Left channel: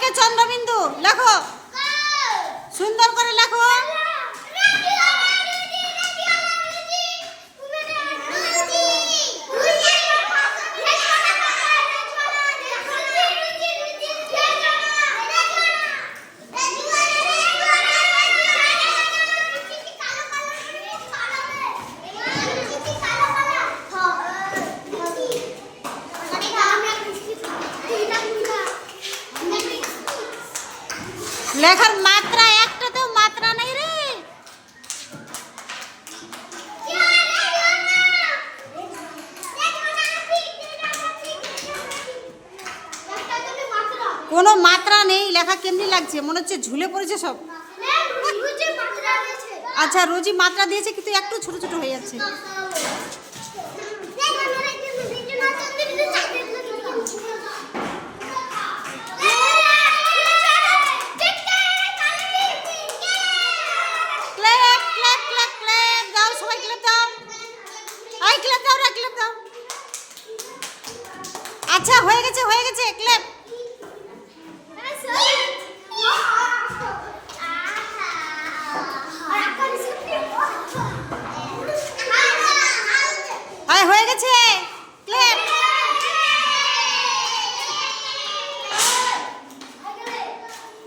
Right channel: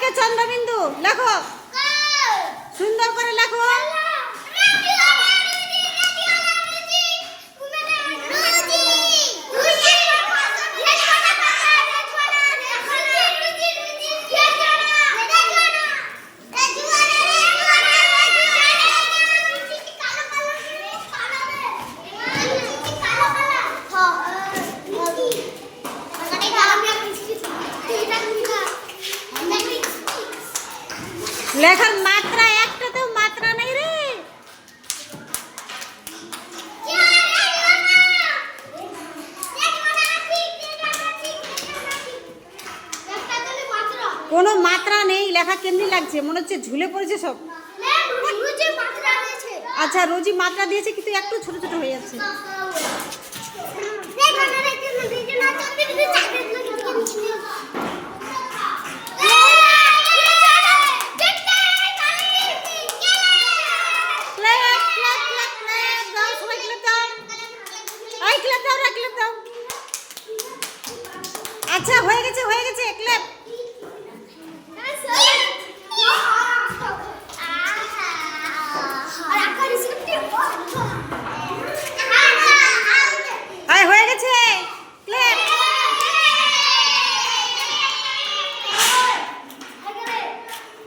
সবাইকে চন্দ্রবিন্দু লেখো, সুন্দর করে লেখো। লেখার মাত্রা একটাতেও মাত্রা নেই রে। কোনো মাত্রা নেই, লেখা কেমনি লাগছে, মনে হচ্ছে ঝুলে পড়েছে সব। আচ্ছা রোজি মাত্রা দিয়েছে কিন্তু একটু ছোট ছোট হয়ে যাচ্ছে। আচ্ছা হয়ে গেছে ক্লেপ।